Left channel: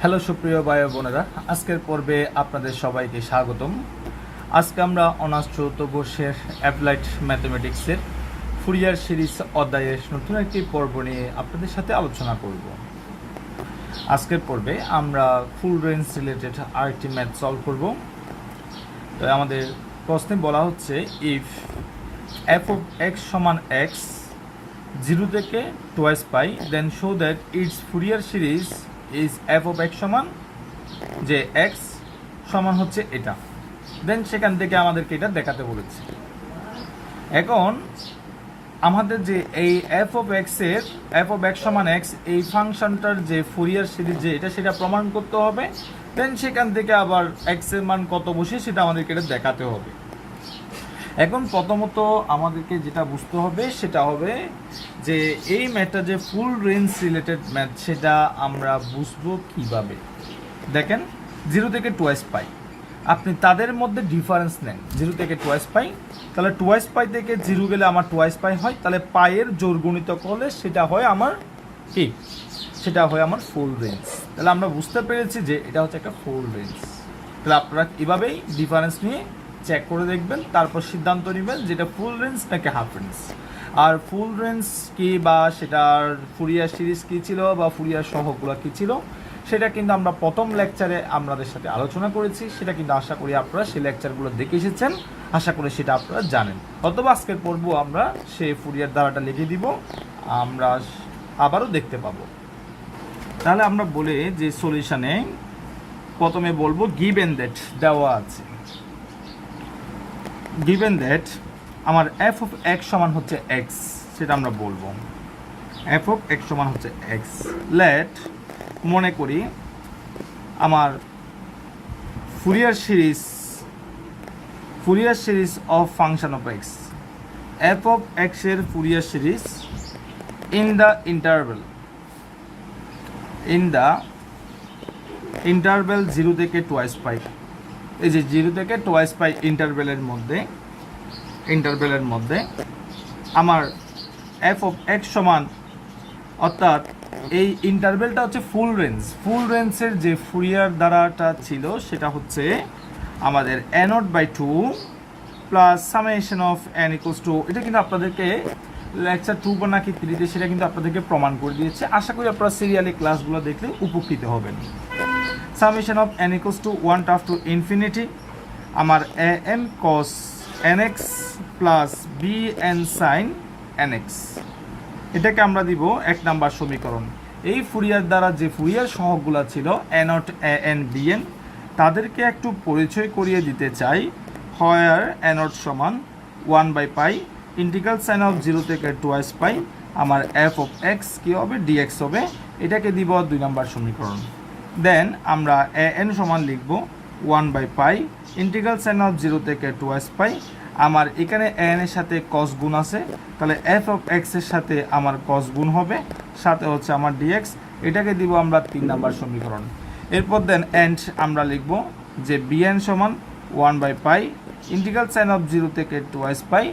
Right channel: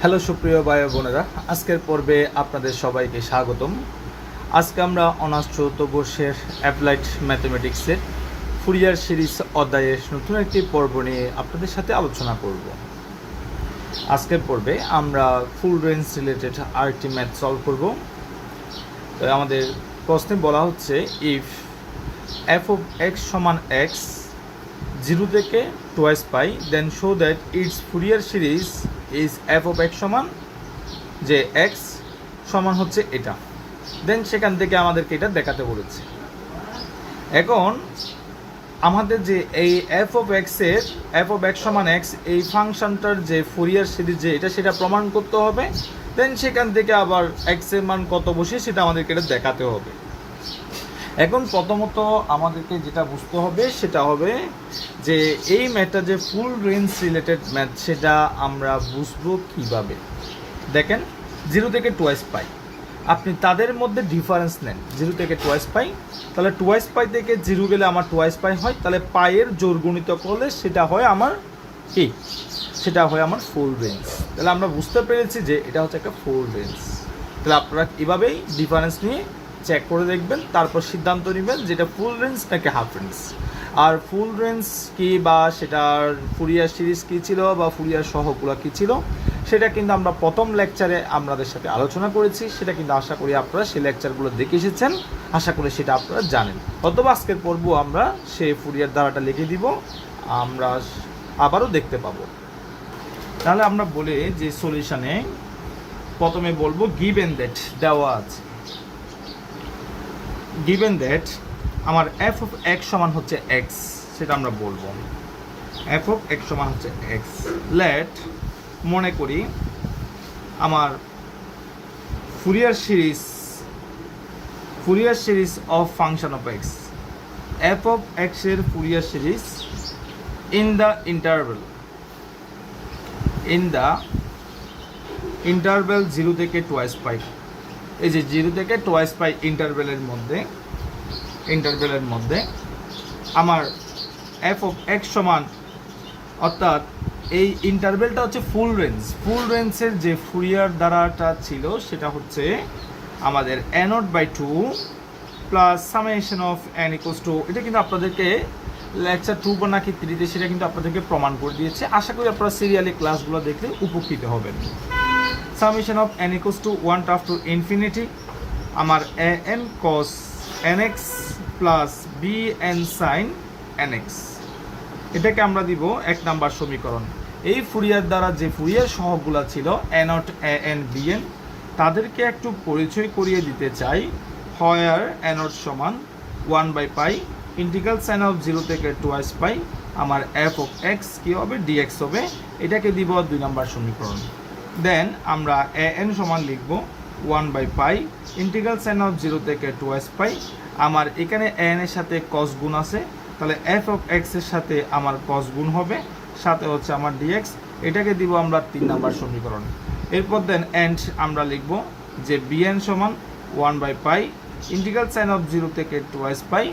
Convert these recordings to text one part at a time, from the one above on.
Hello সুপ্রিয় ভাই বোনেরা, আজকের পর্বে আপনাদের সবাইকে স্বাগতম। আজকে আমরা অনার্স চতুর্থ বর্ষের অ্যাপ্লাইড ম্যাথমেটিক্সের ফুরিয়ার সিরিজ অধ্যায়ের নতুন একটি পর্ব নিয়ে আপনাদের সাথে আলোচনা করব। আজকের পর্বে আমরা ফুল রেঞ্জ রিলেটেড আরেকটি ম্যাথ সলভ করব। তো আমাদের প্রশ্নে বলা হচ্ছে, ইফ এফ অফ এক্স সমান এক্স 0 থেকে 2 pi, then show that it's Fourier series is F of X সমান যে এক্স সমান হচ্ছে এটা। দেন সেখান থেকে আমাদেরকে এটা দেখাতে বলেছে। এখন আমাদের যে এই এফ অফ এক্সের এফ অফ এক্স সমান এক্স এই ফাংশনটার যে ফুরিয়ার সিরিজ যে এটা সেটা প্রমাণ করতে হবে। দেন সেখান থেকে আবার এক্সের মান কত বসে সেটা আমাদেরকে এটা দেখাতে হবে। এখন প্রথমত আমাদেরকে যেটা বুঝতে হবে সেটা হবে যে এই ম্যাথটা যে ফুল রেঞ্জ রিলেটেড ম্যাথ সেটা আমরা বুঝবো কিভাবে। দেখেন 0 থেকে 2 পাই, আপনি তাদের মধ্যে ডিফারেন্স নেন। 0 থেকে 2 পাই, তাহলে 2 পাই থেকে 0 গেলে আমার 2 পাই হয়, তাহলে পাইয়ের জোর গুণিত করলে সেটা হয় আমার কি, সেটা হয় আমার ফুল রেঞ্জ। তাহলে আমরা বুঝতে পেরেছি যে এটা হচ্ছে একটা ফুল রেঞ্জ। তাহলে আপনারা এভাবেই ডিফারেন্স নিয়ে চেক করে দেখবেন, তারপর সিদ্ধান্ত নেবেন যেটা ফুল রেঞ্জ নাকি হাফ রেঞ্জ। আর ফুল রেঞ্জ কি বা সেটার ফুরিয়ার সিরিজ কী ছিল বা ফুরিয়ার সহগগুলো কী ছিল সেটা কিন্তু আমরা প্রথম লেকচারে আপনাদের সাথে আলোচনা করেছি। সেটা কিন্তু আশা করি আপনারা সেই লেকচারগুলো দেখে এসেছেন, আশা করি সেটা আপনারা জানেন। অথবা আজকের পর্ব আমরা সেই ফুরিয়ার ধারাটা লিখে দিব, আমরা আবারও দেখতে পাবো। তাহলে আমরা বলে যে সলিউশনে প্রথমে বলবো গিভেন দ্যাট দেওয়া আছে, গিভেন দ্যাট আমার এফ অফ এক্স সমান হচ্ছে এক্স, সেটা আমরা বলবো এফ অফ এক্স সমান হচ্ছে এক্স। লেট মনে করি আমার Fourier series of function of X, F of X এর Fourier series in the interval 0 থেকে 2 পাই। এই যে 0 থেকে 2 পাই ইন্টারভেলের মধ্যে আমার এফ অফ এক্স সমান, অর্থাৎ এই ইন্টারভেলটা হচ্ছে ফুল রেঞ্জের যে ফুরিয়ার দ্বারাটা ছিল সেটা হচ্ছে আমাদের n0/2 plus summation of n equals two, এটা কিন্তু আপনাদেরকে লেকচার 2 বা নাকি 3 তে সেটা কিন্তু আপনাদেরকে প্রমাণ করে দিয়েছে। আশা করি আপনারা সিরিয়ালি ক্লাসগুলো দেখলে উপকৃত হবেন। Summation of n equals to 1 tough to infinity আমার an cos nx plus bn sin nx, এটাকে আমরা দিব 1 নাম্বার সমীকরণ। এই ফুরিয়ার দ্বারা যে ফুরিয়ার সহগগুলো ছিল a0 an bn তাদেরকে একটু পরিচয় করিয়ে দিতে চাই। হোয়ার a0 সমান 1/পাই ইন্টিগ্রাল সাইন অফ 0 থেকে 2 পাই আমার এফ অফ এক্স কী হবে, dx হবে, এটাকে দিব 2 নাম্বার সমীকরণ। দেন আমরা an সমান লিখব 1/পাই ইন্টিগ্রাল সাইন অফ 0 থেকে 2 পাই আমার এখানে an এর সাথে cos গুণ আছে, তাহলে এফ অফ এক্স এর সাথে আমার cos গুণ হবে, সাথে হচ্ছে আমার dx, এটাকে দিব আমরা 3 নাম্বার সমীকরণ। এরপর দেন এন্ড আমরা লিখব যে bn সমান 1/পাই ইন্টিগ্রাল সাইন অফ 0 থেকে 2 পাই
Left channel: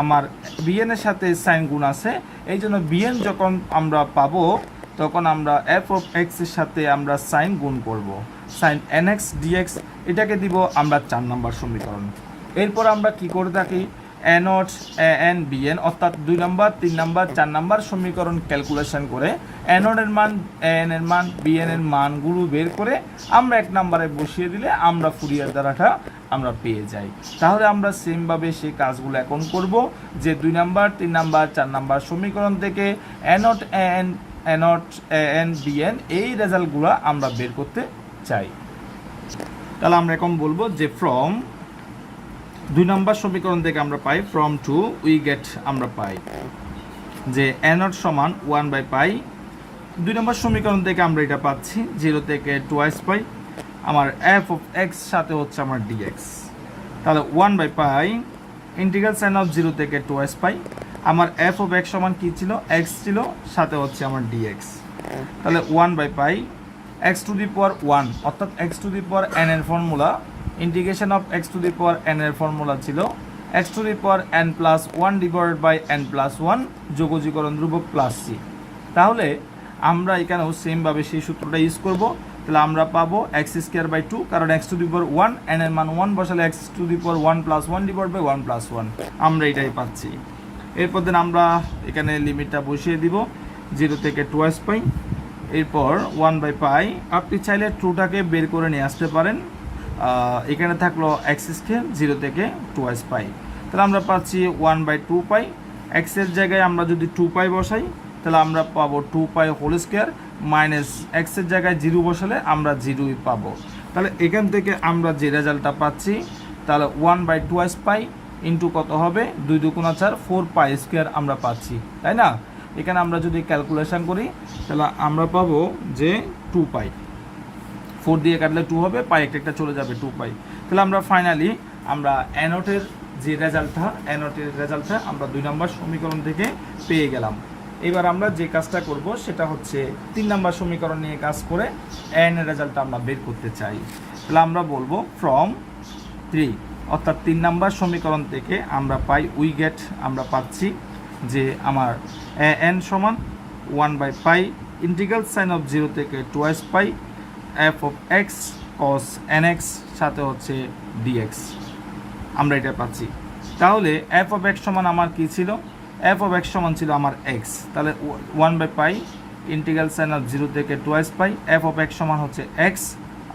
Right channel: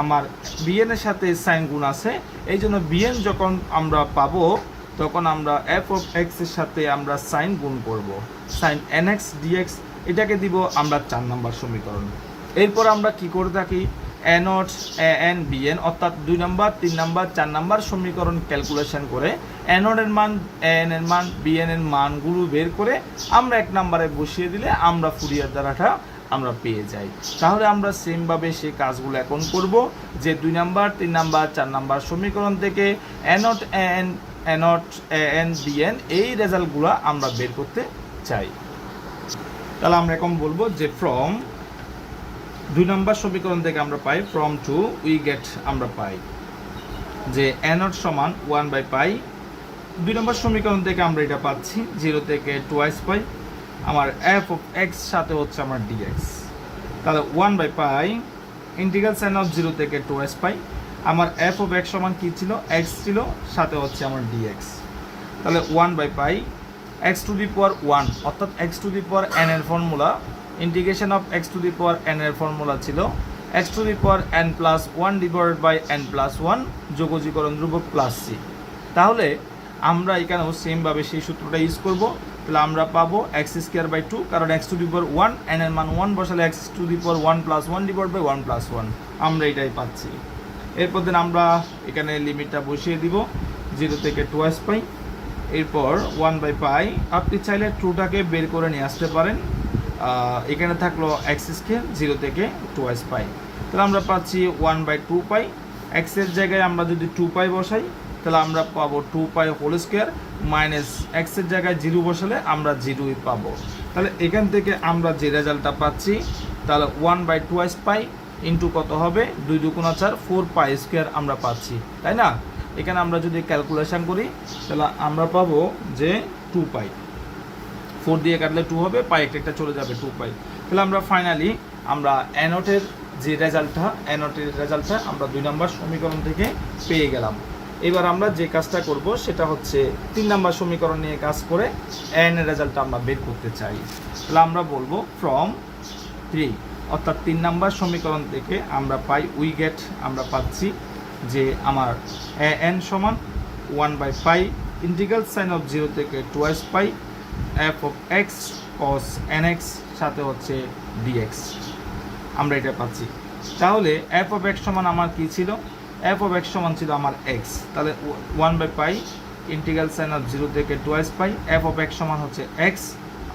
আমার bn এর সাথে সাইন গুণ আছে, এই জন্য bn যখন আমরা পাবো তখন আমরা এফ অফ এক্স এর সাথে আমরা সাইন গুণ করব, সাইন nx dx, এটাকে দিব আমরা 4 নাম্বার সমীকরণ। এরপর আমরা কি করে থাকি, a0 an bn অর্থাৎ 2 নাম্বার 3 নাম্বার 4 নাম্বার সমীকরণ ক্যালকুলেশন করে a0 এর মান an এর মান bn এর মানগুলো বের করে আমরা 1 নাম্বারে বসিয়ে দিলে আমরা ফুরিয়ার দ্বারাটা আমরা পেয়ে যাই। তাহলে আমরা সেমভাবে সেই কাজগুলো এখন করব যে 2 নাম্বার 3 নাম্বার 4 নাম্বার সমীকরণ থেকে a0 an bn এই রেজাল্টগুলো আমরা বের করতে চাই। তাহলে আমরা এখন বলবো যে ফ্রম 2 নাম্বার সমীকরণ থেকে আমরা পাই, ফ্রম টু উই গেট আমরা পাই যে a0 সমান 1/পাই। 2 নম্বর সমীকরণ থেকে আমরা এটা পাচ্ছি 0 থেকে 2 পাই আমার এফ অফ এক্স সাথে হচ্ছে আমার dx, তাহলে 1/পাই ইন্টিগ্রাল সাইন অফ 0 থেকে 2 পাই আমার এফ অফ এক্স সমান কী ছিল, এক্স ছিল, সাথে হচ্ছে আমার dx, তাহলে 1/পাই এক্স টু দি পাওয়ার 1 অর্থাৎ x to the power n এর formula, integration of x to the power n এর ফর্মুলা ছিল x to the power n plus 1 divided by n plus 1 যোগজীকরণ ধ্রুবক প্লাস c। তাহলে আমরা এখানেও সেমভাবে সেই সূত্রটা ইউজ করব। তাহলে আমরা পাবো x²/2, কারণ x⁴ 1 n এর মান 1 বসালে x⁴ 1 + 1 / 1 + 1, আমরা এটাই পাচ্ছি। এরপর দেন আমরা এখানে লিমিটটা বসিয়ে দিব 0 থেকে 2s পাই। এরপর 1/π, আপনি চাইলে 2টাকে বের করে নিয়ে আসতে পারেন। এখানে থাকলো x² 0 থেকে 2s পাই, তাহলে আমরা পাচ্ছি 1/2 পাই। x এর জায়গায় আমরা যদি 2 পাই বসাই তাহলে আমরা পাবো 2π² মাইনাস x এর জায়গায় 0 বসালে আমরা 0ই পাবো। তাহলে এখান থেকে আমরা যে রেজাল্টটা পাচ্ছি তাহলে 1/2s পাই ইন্টু কত হবে 2 × 4 4π² আমরা পাচ্ছি, তাই না? এখানে আমরা যদি ক্যালকুলেশন করি তাহলে আমরা পাবো যে 2π, 4 দিয়ে কাটলে 2 হবে, পাই একটা চলে যাবে 2π। তাহলে আমরা ফাইনালি আমরা অ্যানোটের যে রেজাল্টটা আমরা 2 নম্বর সমীকরণ থেকে পেয়ে গেলাম। এবার আমরা যে কাজটা করব সেটা হচ্ছে 3 নম্বর সমীকরণ নিয়ে কাজ করে n এর রেজাল্টটা আমরা বের করতে চাই। তাহলে আমরা বলবো ফ্রম 3, অর্থাৎ 3 নম্বর সমীকরণ থেকে আমরা পাই আমরা পাচ্ছি যে আমার n সমান 1/π ইন্টিগ্রাল সাইন অফ 0 থেকে 2s পাই f(x cos nx) সাথে হচ্ছে dx, আমরা এটা পাচ্ছি। তাহলে f(x) সমান আমার কি ছিল? f(x) সমান ছিল আমার x, তাহলে 1/π ইন্টিগ্রাল সাইন অফ 0 থেকে 2s পাই f(x) সমান হচ্ছে x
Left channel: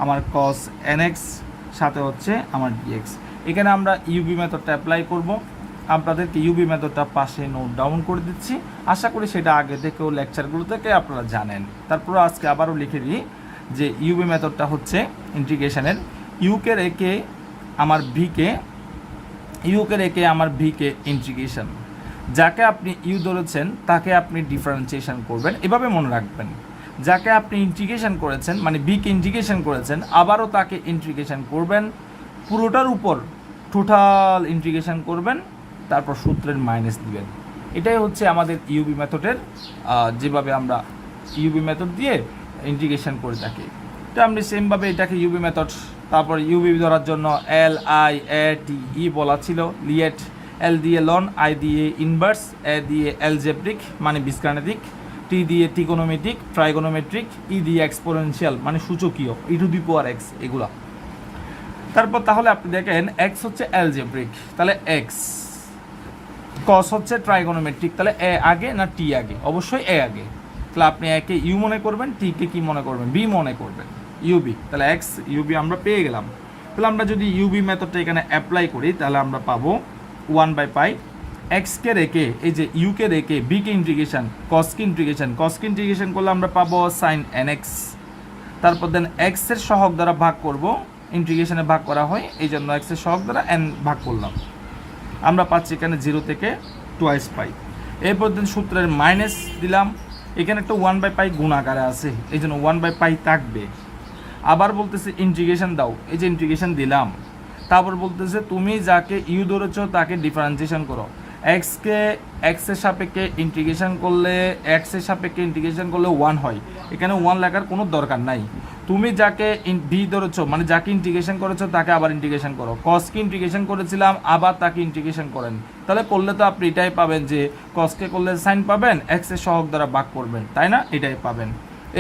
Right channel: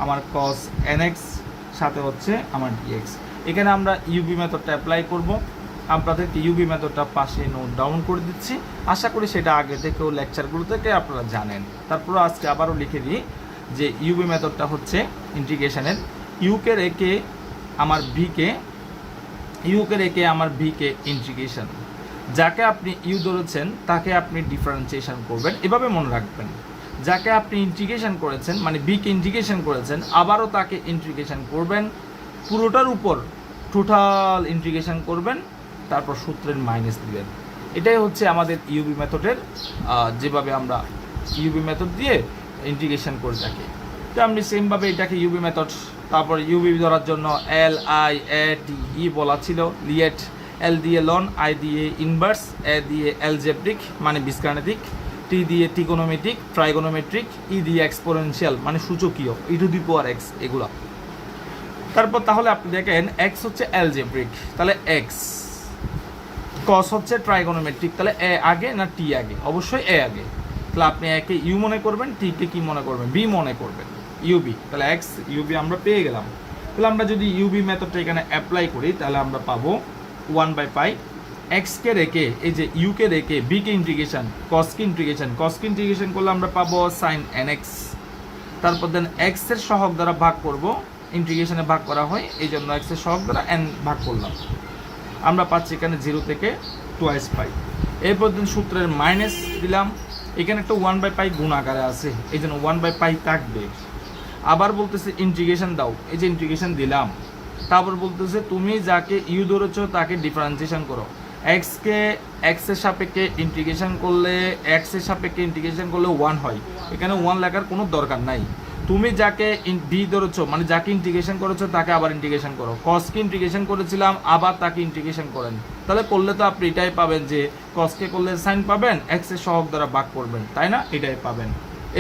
আমার cos nx সাথে হচ্ছে আমার dx। এখানে আমরা ইউবি মেথডটা অ্যাপ্লাই করব। আপনাদেরকে ইউবি মেথডটা পাশে নোট ডাউন করে দিচ্ছি, আশা করি সেটা আগে থেকেও লেকচারগুলো থেকে আপনারা জানেন। তারপর আজকে আবারও লিখে দিই যে ইউবি মেথডটা হচ্ছে ইন্টিগ্রেশনের ইউকে রেখে আমার ভিকে ইন্টিগ্রেশন, যাকে আপনি ইউ ধরেছেন তাকে আপনি ডিফারেন্সিয়েশন করবেন, এভাবে মনে রাখবেন। যাকে আপনি ইন্টিগ্রেশন করেছেন মানে বিকে ইন্টিগ্রেশন করেছেন আবারও তাকে ইন্টিগ্রেশন করবেন, পুরোটার উপর টোটাল ইন্টিগ্রেশন করবেন, তারপর সূত্রের মাইনাস দিবেন। এটাই হচ্ছে আমাদের ইউবি মেথডের যেভাবে আমরা ইউবি মেথড দিয়ে ইন্টিগ্রেশন করে থাকি। তো আমি সেমভাবে এটাকে ইউবি মেথড, তারপর ইউবি ধরার জন্য LIATE বলা ছিল, লিয়েট, L দিয়ে লন, I দিয়ে ইনভার্স, A দিয়ে অ্যালজেব্রিক মানে বীজগাণিতিক, T দিয়ে ট্রিগোনোমেট্রিক, ট্রাইগোনোমেট্রিক, E দিয়ে এক্সপোনেনশিয়াল মানে সূচকীয় e⁴x এগুলা। তারপর তাহলে আপনি দেখেন x হচ্ছে অ্যালজেব্রিক, তাহলে x, cos হচ্ছে ট্রাইগোনোমেট্রিক, তাহলে a আগে না t আগে? অবশ্যই a আগে। তাহলে আপনি a কে u মনে করবেন, t কে কি মনে করবেন? b মনে করবেন, ইউবি। তাহলে x ইউবি আমরা পেয়ে গেলাম। তাহলে আমরা যদি ইউবি মেথডটা এখানে অ্যাপ্লাই করি তাহলে আমরা পাবো 1/π x কে রেখে এই যে u কে রেখে b কে ইন্টিগ্রেশন, cos কে ইন্টিগ্রেশন করলে আমরা পাবো sin nx। তারপর দেন x এর সহগ দ্বারা ভাগ করব, ইন্টিগ্রেশনে ভাগ করা হয় এই জন্য x এর সহগ দ্বারা n ভাগ করলাম, আমরা পাচ্ছি এখানে 0 থেকে 2s পাই। এরপর দিন সূত্রের মাইনাস দিলাম, এখানে একটা 1/π গুণ আকারে আছে এই জন্য 1/π থাকবে। আবার বলতেছে ইন্টিগ্রেশন দাও, এই যে ইন্টিগ্রেশন দিলাম। তারপর বলতেছে তুমি যাকে ইউ ধরেছো তাকে ডিফারেন্সিয়েশন করো, কে x এর সাপেক্ষে ইন্টিগ্রেশন করলে 1 হয়, এখানে 1 লেখার কোনো দরকার নাই। তুমি যাকে বি ধরেছো মানে যাকে ইন্টিগ্রেশন করেছো তাকে আবার ইন্টিগ্রেশন করো, কসকে ইন্টিগ্রেশন করেছিলাম আবার তাকে ইন্টিগ্রেশন করেন, তাহলে করলে তো আপনি এটাই পাবেন যে কসকে করলে সাইন পাবেন, এক্স এর সহগ দ্বারা ভাগ করবেন, তাই না? এটাই পাবেন।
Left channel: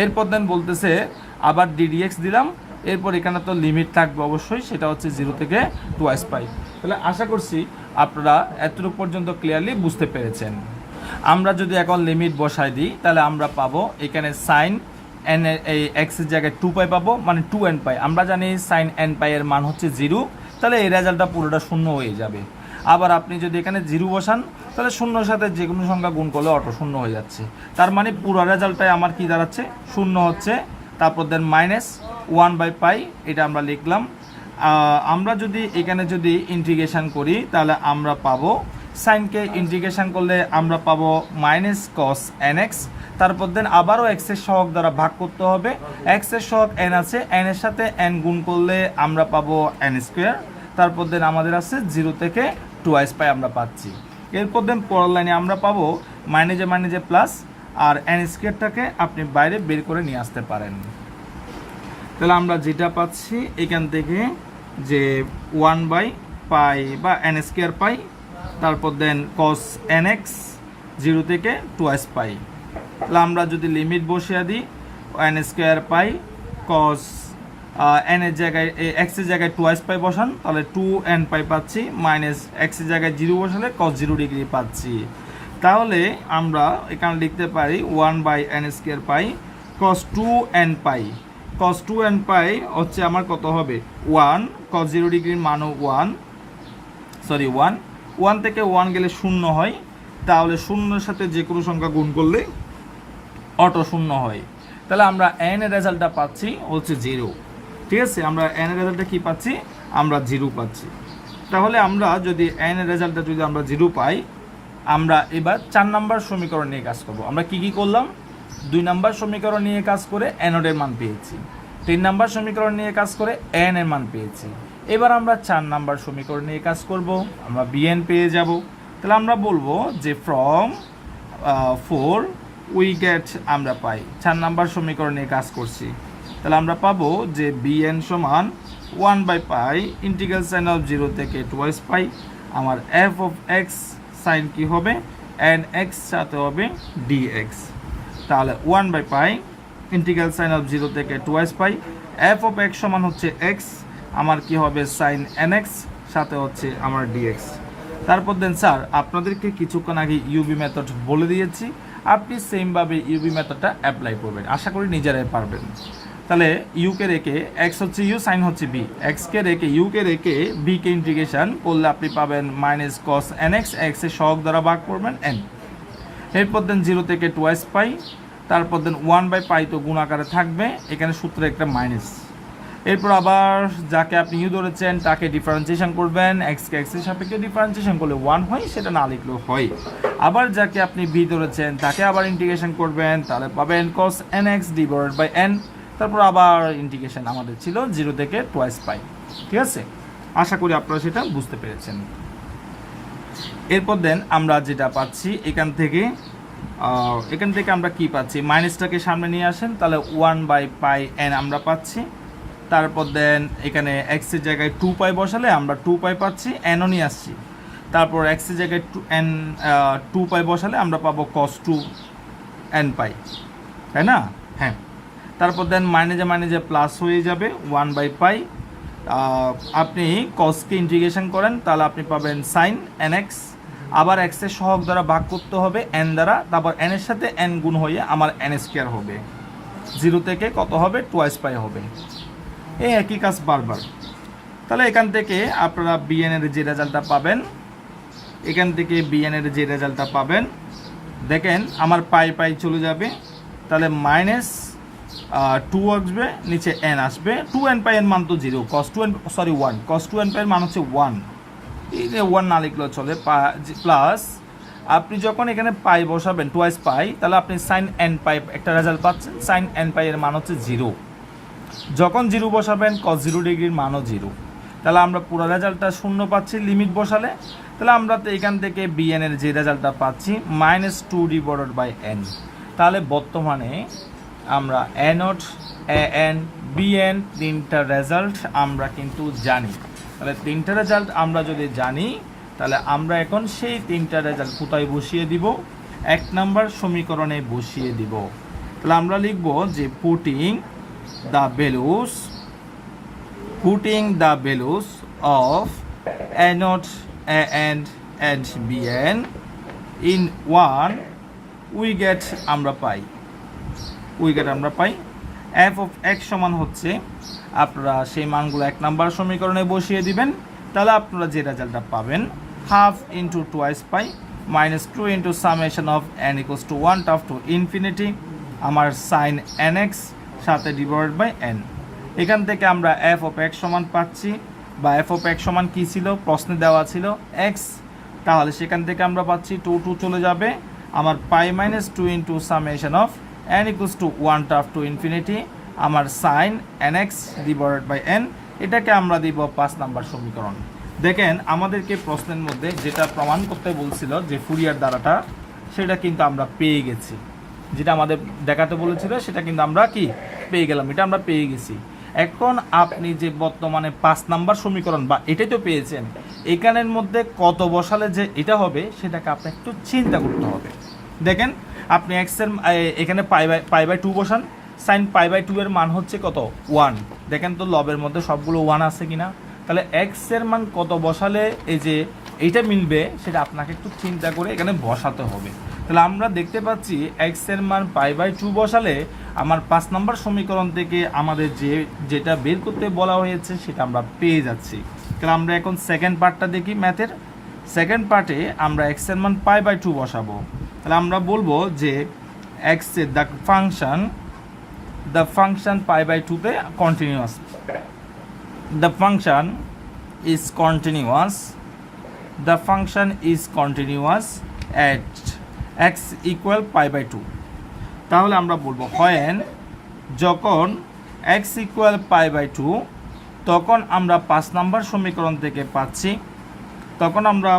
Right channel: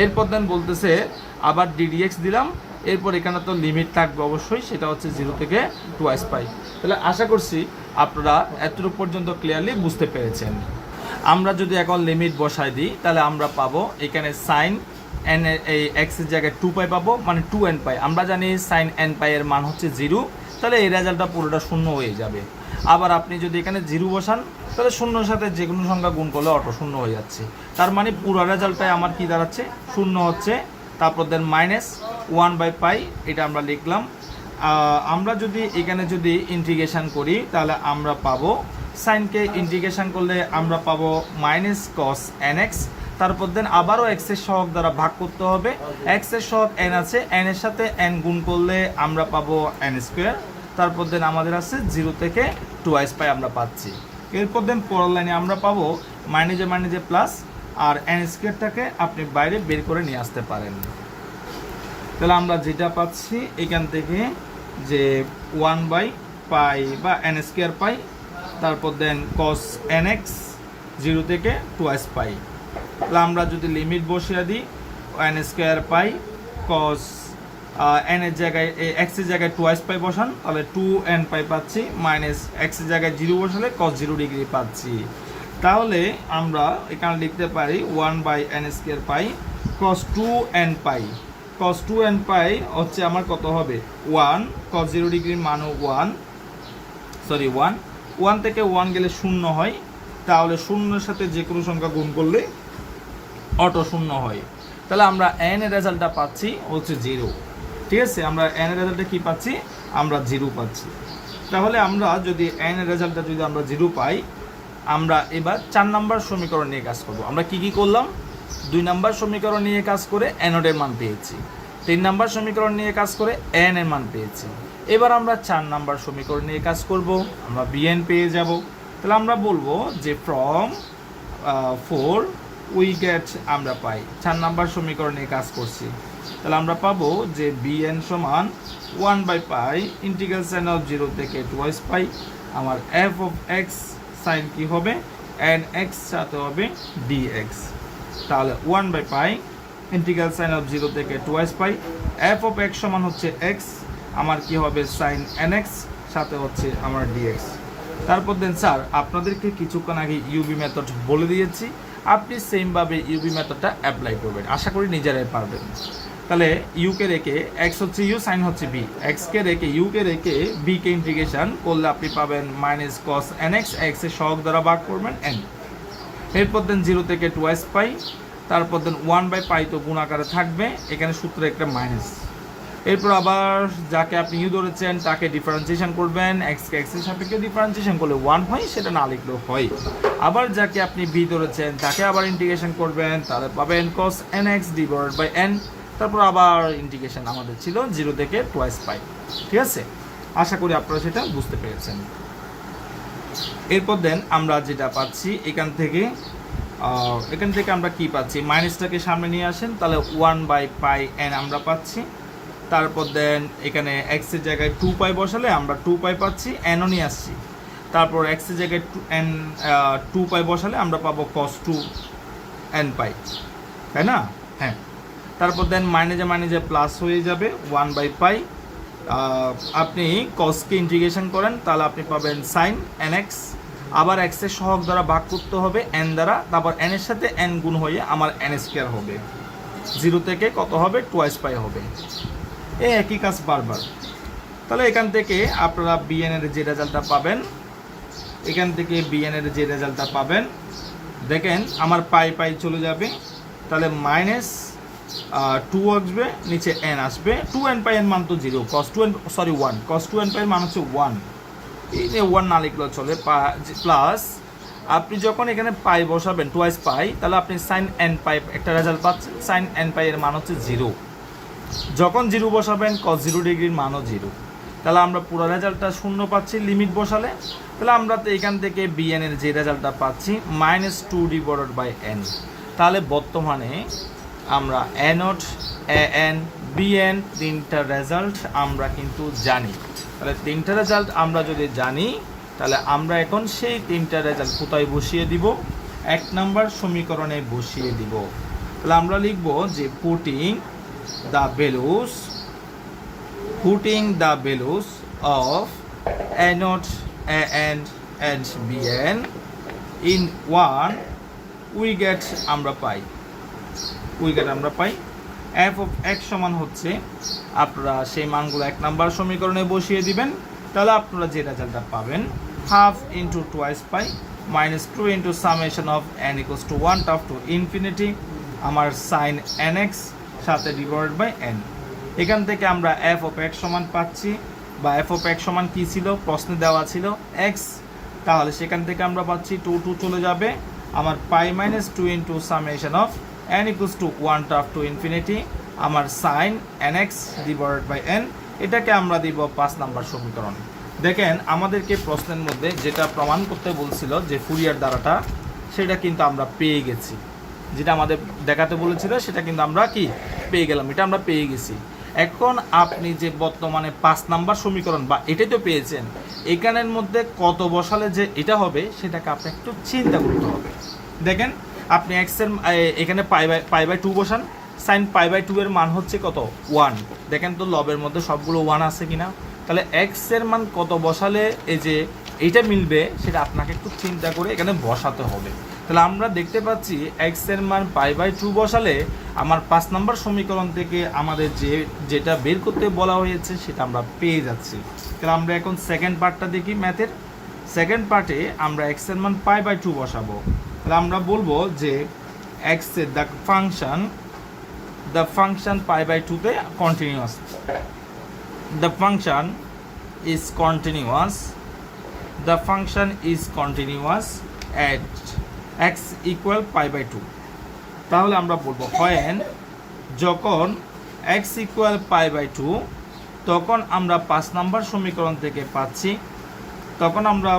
এরপর দেন বলতেছে আবার ডিডিএক্স দিলাম, এরপর এখানে তো লিমিট থাকবে অবশ্যই, সেটা হচ্ছে 0 থেকে 2s পাই। তাহলে আশা করছি আপনারা এতটুকু পর্যন্ত ক্লিয়ারলি বুঝতে পেরেছেন। আমরা যদি এখন লিমিট বসাই দিই তাহলে আমরা পাবো এখানে সাইন n এই x এর জায়গায় 2π পাবো মানে 2n পাই। আমরা জানি sin n পাই এর মান হচ্ছে 0, তাহলে এই রেজাল্টটা পুরোটা শূন্য হয়ে যাবে। আবার আপনি যদি এখানে 0 বসান তাহলে শূন্যর সাথে যে কোনো সংখ্যা গুণ করলে অটো শূন্য হয়ে যাচ্ছে, তার মানে পুরো রেজাল্টটাই আমার কি দাঁড়াচ্ছে? শূন্য হচ্ছে। তারপর দেন মাইনাস 1/π এটা আমরা লিখলাম। আমরা যদি এখানে যদি ইন্টিগ্রেশন করি তাহলে আমরা পাবো সাইনকে ইন্টিগ্রেশন করলে আমরা পাবো মাইনাস cos nx। তারপর দেন আবারও x এর সহগ দ্বারা ভাগ করতে হবে, x এর সহগ n আছে, n এর সাথে n গুণ করলে আমরা পাবো n²। তারপর দেন আমাদের আছে 0 থেকে 2s পাই আমরা পাচ্ছি। এরপর দেন পরের লাইনে আমরা পাবো মাইনাসে প্লাস, আর n²টাকে আপনি বাইরে বের করে নিয়ে আসতে পারেন। তাহলে আমরা যেটা পাচ্ছি এখান থেকে যে 1/π বা n² পাই, তারপর দেন cos nx 0 থেকে 2s পাই। তাহলে আমরা যদি লিমিট বসিয়ে দিই n স্কয়ার পাই cos n এর জায়গায় x এর জায়গায় 2 পাই বসান, তাহলে 2n পাই পাচ্ছি, মাইনাস x এর জায়গায় 0 বসালে cos 0 ডিগ্রি পাচ্ছি। তাহলে আমরা এখানে লিখতে পারি 1/n স্কয়ার পাই cos 2n পাই। cos 2n পাই হচ্ছে আমার কত হবে 1, cos 0 ডিগ্রির মানও 1 থেকে 1 গেলে 0 হয়, তাহলে 0 এর সাথে যে কোনো সংখ্যা গুণ করলে অটো 0 হয়। তাহলে আমরা n এর রেজাল্টটা পাচ্ছি হচ্ছে 0। ঠিক আছে, আমরা n এর রেজাল্টটা কি পাচ্ছি, আমরা 0 পাচ্ছি। তাহলে আমরা যদি n এর রেজাল্টটা যদি আমরা 0 পাই, আমরা এবার 4 নাম্বার সমীকরণ নিয়ে কাজ করব। আমরা কি করলাম, 2 নাম্বার সমীকরণ নিয়ে কাজ করে n এর মান পেয়েছি, 3 নাম্বার সমীকরণ নিয়ে কাজ করে n এর মান পেয়েছি। এবার আমরা 4 নাম্বার সমীকরণ নিয়ে কাজ করব, আমরা bn পেয়ে যাব। তাহলে আমরা বলবো যে ফ্রম 4 উই গেট, আমরা পাই 4 নাম্বার সমীকরণ নিয়ে কাজ করছি। তাহলে আমরা পাবো যে bn সমান 1/পাই ইন্টিগ্রাল সাইন অফ 0 থেকে 2 পাই, আমার f অফ x সাইন কি হবে nx সাথে হবে dx। তাহলে 1/পাই ইন্টিগ্রাল সাইন অফ 0 থেকে 2 পাই, f অফ x সমান হচ্ছে x, আমার কি হবে সাইন nx সাথে হচ্ছে আমার dx। তারপর দেন স্যার আপনাদেরকে কিছুক্ষণ আগে ইউবি মেথড বলে দিয়েছি, আপনি সেম ভাবে ইউবি মেথডটা অ্যাপ্লাই করবেন, আশা করি নিজেরাই পারবেন। তাহলে ইউ কে রেখে এক্স হচ্ছে ইউ, সাইন হচ্ছে বি, এক্স কে রেখে ইউ কে রেখে বি কে ইন্টিগ্রেশন করলে আপনি পাবেন মাইনাস কস nx, এক্স এর সহগ দ্বারা ভাগ করবেন n। এরপর দেন 0 থেকে 2 পাই, তারপর দেন 1/পাই তো গুণ আকারে থাকবে, এখানে সূত্রে একটা মাইনাস। এরপর আবার যাকে আপনি ইউ ধরেছেন তাকে ডিফারেন্সিয়েশন করবেন, এক্স কে এক্স এর সাপেক্ষে ডিফারেন্সিয়েশন করলে 1 হয়, সেটা না লিখলেও হয়। আবার যাকে আপনি বি ধরেছেন তাকে আবার ইন্টিগ্রেশন করবেন, তাহলে পাবেন cos nx divided by n। তারপর আবার ইন্টিগ্রেশন আমাদের ছিল 0 থেকে 2 পাই। ঠিক আছে, আশা করি আপনারা সেটা বুঝতে পেরেছেন। এরপর দেন আমরা যেটা পাচ্ছি এখান থেকে আমরা কি পাচ্ছি, মাইনাসটাকে সামনে নিয়ে আসেন, তাহলে 1/পাই n আমরা পাচ্ছি। তারপর দেন এখানে x এর জায়গায় 2 পাই বসালে আমরা 2 পাই পাচ্ছি, n ও নিয়ে আসছি। তারপর x এর জায়গায় 2 পাই বসালে আমরা পাবো cos 2n পাই, তাই না? হ্যাঁ। তারপর দেন মাইনাসে প্লাস হয়ে যাবে 1/পাই, আপনি cos কে ইন্টিগ্রেশন করেন তাহলে আপনি পাবেন sin nx, আবার x এর সহগ দ্বারা ভাগ করতে হবে n দ্বারা, তারপর n এর সাথে n গুণ হয়ে আমার n স্কয়ার হবে, 0 থেকে কত হবে 2 পাই হবে, এই একই কাজ বারবার। তাহলে এখান থেকে আপনারা bn এর যে রেজাল্টটা পাবেন, দেখেন আমার পাই চলে যাবে, তাহলে মাইনাস 2 আসবে, নিচে n আসবে, 2n পাই এর মান তো 0, cos 2n পাই এর মান হচ্ছে 1, এই যে 1 না লিখলেও চলে, প্লাস আপনি যখন এখানে পাই বসাবেন 2 পাই, তাহলে আপনি sin n পাই একটা রেজাল্ট পাচ্ছেন, sin n পাই এর মান হচ্ছে 0, যখন 0 বসাবেন cos 0 ডিগ্রির মানও 0, তাহলে আমরা পুরো রেজাল্টটা 0 পাচ্ছি লিমিট বসালে। তাহলে আমরা তো এখান থেকে bn এর যে রেজাল্টটা পাচ্ছি -2 ডিভাইডেড বাই n। তাহলে বর্তমানে আমরা a0, an, bn তিনটা রেজাল্ট আমরা কিন্তু জানি। তাহলে তিনটা রেজাল্ট আমরা যদি জানি, তাহলে আমরা এখন সেই তিনটা রেজাল্ট কোথায় বসিয়ে দিব, 1 নাম্বার সমীকরণে বসিয়ে দিব। তাহলে আমরা লিখব যে putting the values of a0, an and bn in 1 we get আমরা পাই f of x সমান হচ্ছে, আপনারা সেই মানগুলো 1 নাম্বার সমীকরণে বসিয়ে দিবেন, তাহলে আপনারা যে রেজাল্টটা পাবেন half into 2 pi minus 2 into summation of n equals to 1 tough to infinity, আমার সাইন nx সাথে ডিভাইডেড বাই n। এখান থেকে আমরা f অফ x সমান পাচ্ছি, বা f অফ x সমান কি ছিল প্রশ্নে দেওয়া ছিল x, তাহলে সেখান থেকে আমরা পাচ্ছি 2 চলে যাবে, আমার pi minus 2 into summation of n equals to 1 tough to infinity, আমার sine nx divided by n। এটাকে আমরা দিব 5 নাম্বার সমীকরণ। দেখেন আমাদেরকে প্রশ্নের মধ্যে যেটা প্রমাণ করতে বলছিল যে ফুরিয়ার ধারাটা, সেটা কিন্তু আমরা পেয়ে গেছি, যেটা আমাদের দেখাতে বলেছিল সেটা কিন্তু আমরা কি পেয়ে গেলাম, এটা আমরা পেয়ে গেছি। এখন আপনি যে বর্তমানে 5 নাম্বার সমীকরণ বা এটাই তো পেয়েছেন, এখানের মধ্যে কত বসালে যে এটা হবে সেটাকে আপনি একটু চিন্তা করতে হবে। দেখেন আপনি এক্স এর এখানে পাই বাই 2 বসান, সাইন পাই বাই 2 এর মান হচ্ছে কত 1। দেখেন তো লবের মধ্যে সবগুলো 1 আছে কিনা। তাহলে এক্স এর মান কত বসালে এই যে এইটা মিলবে সেটা আপনাকে একটু চিন্তা করে এখানে বসাতে হবে। তাহলে আমরা দেখতে পাচ্ছি এক্স এর মান পাই বাই 2 বসালে আমার 5 নম্বর সমীকরণ থেকে আমাদের যেটা বের করতে বলা হয়েছে সেটা আমরা পেয়ে যাচ্ছি। তাহলে আমরা এখন সেকেন্ড পার্টটা দেখি ম্যাথের। সেকেন্ড পার্টে আমরা এক্স এর মান পাই বাই 2 বসাবো। তাহলে আমরা বলবো যে এক্স এর দ্য ফাংশন পাই বাই 2 তে continuous, the function is continuous at x equal pi by 2। তাহলে আমরা বলবো when যখন x equal pi by 2 তখন আমরা 5 নম্বর সমীকরণ থেকে পাচ্ছি, তখন আমরা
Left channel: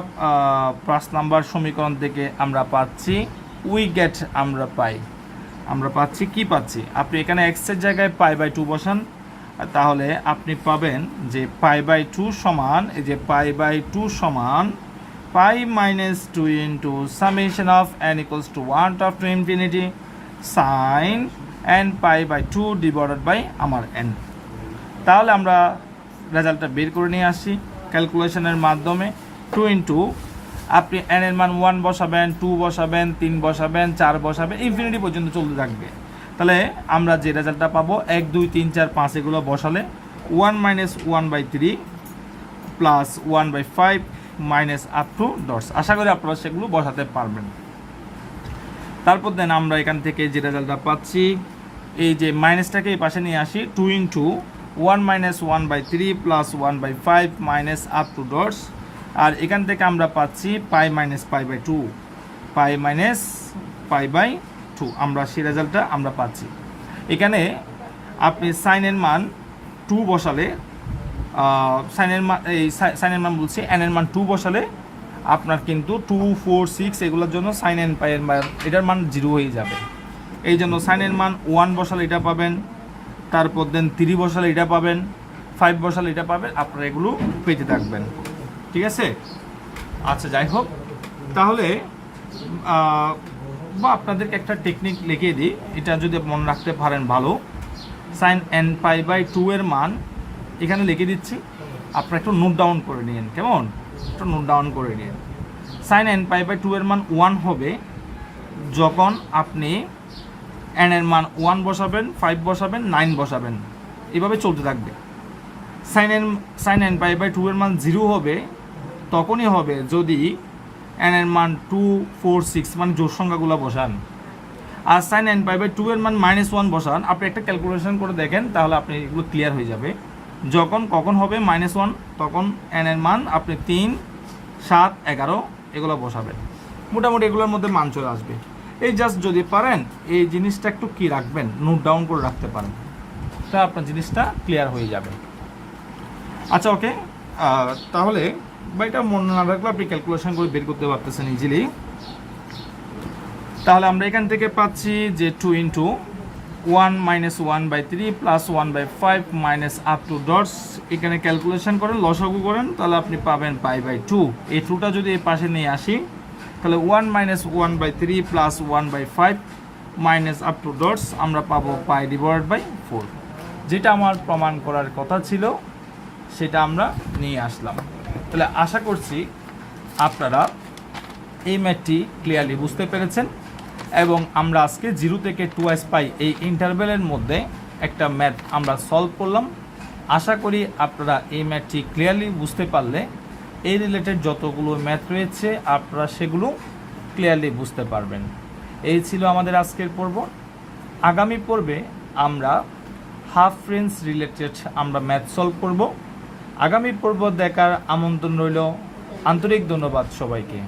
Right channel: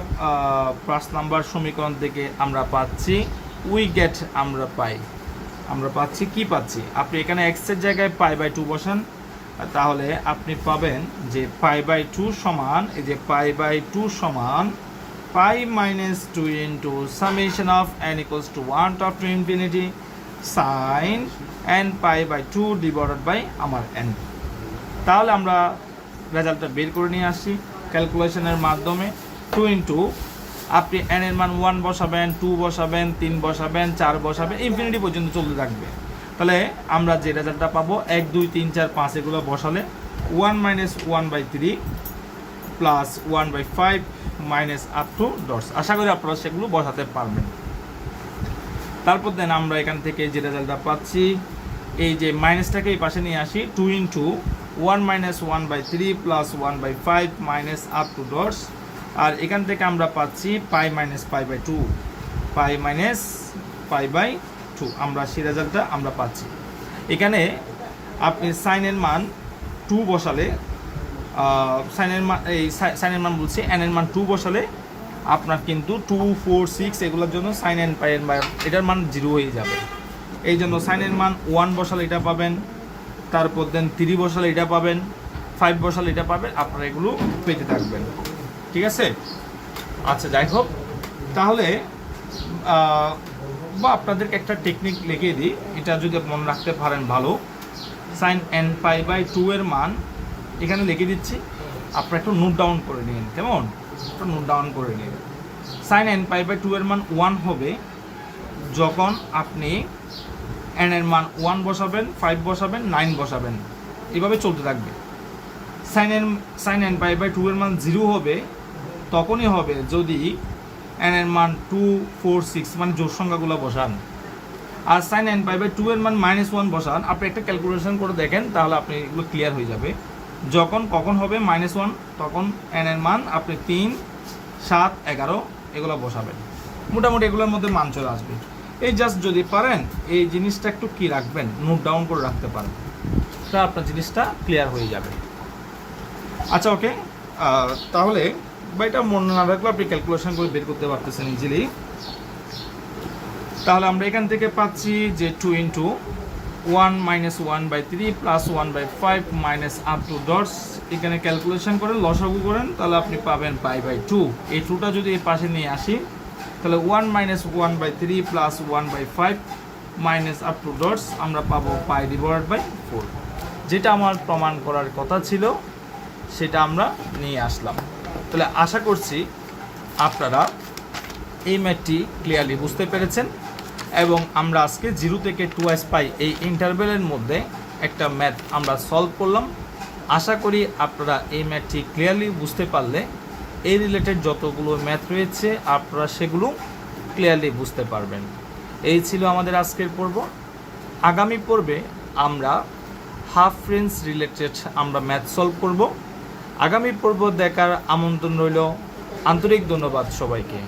5 নম্বর সমীকরণ থেকে আমরা পাচ্ছি আমরা পাচ্ছি কি পাচ্ছি, আপনি এখানে x এর জায়গায় পাই বাই 2 বসান, তাহলে আপনি পাবেন যে পাই বাই 2 সমান, এই যে পাই বাই 2 সমান pi minus 2 into summation of n equals to 1 to infinity sine n pi by 2 divided by আমার n। তাহলে আমরা রেজাল্টটা বের করে নিয়ে আসি ক্যালকুলেশনের মাধ্যমে। 2 ইন্টু আপনি n এর মান 1 বসাবেন, 2 বসাবেন, 3 বসাবেন, 4 বসাবেন, ইনফিনিটি পর্যন্ত চলতে থাকবে। তাহলে আমরা যে রেজাল্টটা পাবো 1 2 3 4 5 এগুলো বসালে 1 minus 1 by 3 plus 1 by 5 minus up to dots. আশা করি আপনারা সেগুলো বসাতে পারবেন। তারপর দেন আমরা এখান থেকে যে রেজাল্টটা পাচ্ছি, এই যে মাইনাসটাকে এই পাশে নিয়ে আসি, 2 into 1 minus 1 by 3 plus 1 by 5 minus up to dots. আর এখান থেকে আমরা পাচ্ছি pi minus pi by 2, pi minus pi by 2, আমরা সেই রেজাল্টটা আমরা পাচ্ছি। এখানে আপনি সাইনের মান 2 বসালে, সাইনের মান বলছি n এর মান 2 বসালে আপনার কিন্তু 2 4 6 এগুলোর জন্য সাইন n পাই এটার মান 0 হয়ে যাবে। এই জন্য সাইনের মান 1 বসালে এটা পাবেন, তারপর দেন 3 বসালে এটা পাবেন, 5 বসালে এটা পাবেন, আপনারা এগুলো পেতে থাকবেন। ঠিক আছে, আচ্ছা যাই হোক, তাহলে বা আপনাদেরকে একটা টেকনিক লিখিয়ে দিই, এটা যদি মনে রাখতে পারেন ভালো। সাইন n পাই বাই 2 এর মান এখানে লিখে দিচ্ছি, আপনারা একটু নোট ডাউন করে নিন, কেমন একটু নোট ডাউন করে নিন। সাইন n পাই বাই 2 এর মান 1 হবে যখন আপনি n এর মান 1 বসাবেন, 5 বসাবেন, 9 বসাবেন, এভাবে চলতে থাকবে। সাইন n পাই বাই 2 এর মান 0 হবে তখনই হবে যদি n এর মান 2 4 6 মানে জোড় সংখ্যাগুলো বসান। আর সাইন n পাই বাই 2 এর মান -1 বসান, আপনি একটা ক্যালকুলেশন করে দেখেন, তাহলে আপনি এগুলো ক্লিয়ার হয়ে যাবে। যখন কখন হবে -1 তখন n এর মান আপনি 3 7 11 এগুলো বসাবেন, মোটামুটি এগুলোর মধ্যে মান চলে আসবে। এই জাস্ট যদি পারেন এই জিনিসটা একটু কি রাখবেন, নোট ডাউন করে রাখতে পারেন, তা আপনার জিনিসটা ক্লিয়ার হয়ে যাবে। আচ্ছা ওকে, তাহলে বা এটা মনে না রাখলে আপনি ক্যালকুলেশন করে বের করতে পারতেছেন ইজিলি। তাহলে আমরা এখান থেকে পাচ্ছি যে 2 into 1 minus 1 by 3 plus 1 by 5 minus up to dots, এখানে ক্যালকুলেশন করেন, লসাগু করেন, তাহলে আপনি পাবেন পাই বাই 2। এই 2টা যদি এই পাশে নিয়ে আসি তাহলে 1 minus 1 by 3 plus 1 by 5 minus up to dots, আমরা পাবো পাই ডিভাইডেড বাই 4। যেটা আমার প্রমাণ করার কথা ছিল সেটা আমরা নিয়ে আসলাম। তাহলে আশা করছি আপনারা এই ম্যাথটি ক্লিয়ারলি বুঝতে পেরেছেন, এবং আমরা আজকে 0 থেকে 2s পাই এই ইন্টারভ্যালের মধ্যে একটা ম্যাথ আমরা সলভ করলাম। আশা করি আপনারা এই ম্যাথটি ক্লিয়ারলি বুঝতে পারলে এই রিলেটেড যতগুলো ম্যাথ রয়েছে আপনারা সেগুলো ক্লিয়ারলি বুঝতে পারবেন। এই ছিল আমাদের আজকের পর্ব। আগামী পর্বে আমরা হাফ রেঞ্জ রিলেটেড আমরা ম্যাথ সলভ করব। আগামী পর্ব দেখার আমন্ত্রণ রইল। আন্তরিক ধন্যবাদ সবাইকে।